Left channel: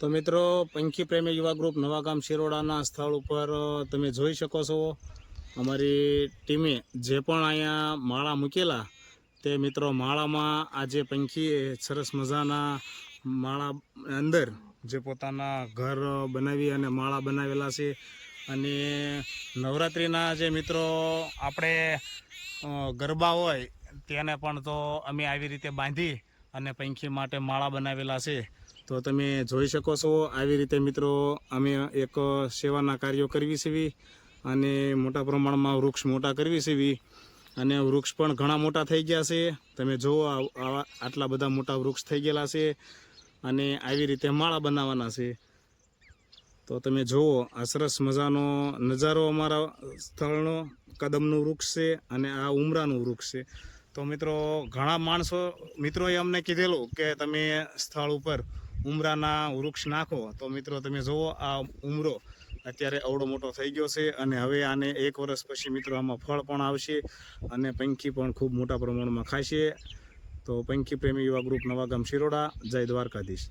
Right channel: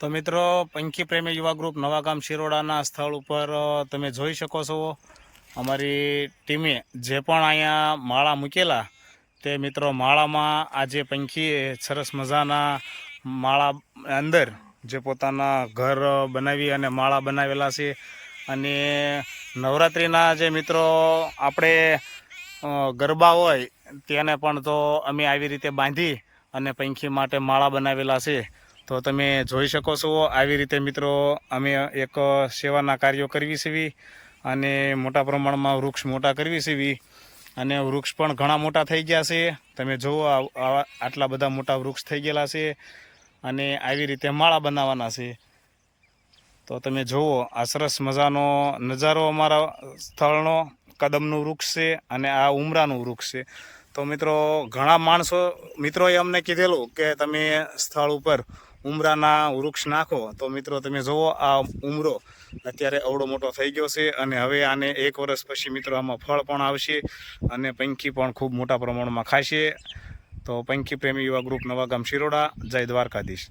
તો મિત્રો, પંખી પ્રેમી યુવા ગ્રુપ નવાગામ શિરોડાના સ્થળ ઉપર તમે જોઈ શકો છો. અમારી ટીમે જે પણ અહીંયા માળા મૂકેલા, તે મિત્રો માળામાં આજે પંખી સરસ મજાના માળા અંદર જે પોતાના ઘર બનાવી અને માળા બનાવેલા છે. અને નવરાત્રિના જે મિત્રો, આપણે ગરબા હોય, તેને પણ તો અમે આવી રીતે બાંધી અને પંખી માટે માળા બનાવેલા છે. તો તમે જોઈ શકો છો, આવી રીતે મિત્રો અમે એક સેવાના કાર્યો કરવી છે અને મોટા પ્રમાણમાં વૃક્ષ મોટા કરવી છે અને વૃક્ષ પણ ઘણા મોટા થઈ ગયા છે. તમે જુઓ આટલા બધા મોટા વૃક્ષ થઈ ગયેલા છે અને આવી રીતે માળા બનાવવાના છે. તો તમે જુઓ, આ સરસ મજાનો નજારો અમારા સ્થળનો, કદમનું વૃક્ષ છે અને આ ઉમરાનું વૃક્ષ છે. તો મિત્રો, ઘણા માણસો, મિત્રોએ અમને કીધેલું કે તમે સ્થળ ઉપર ઉમરાના વૃક્ષ નાખો, તો મિત્રો તમે જુઓ આ ઉમરો અત્યારે અવડો મોટો થઈ ગયો છે અને હવે આને એક વર્ષ પછી મિત્રો આમાં ફળ પણ આવશે અને પંખી પણ ખૂબ મોટા પ્રમાણમાં ખાશે. તો પંખી પ્રેમી યુવા ગ્રુપ નવાગામ શિરોડા, જય દ્વારકાધીશ.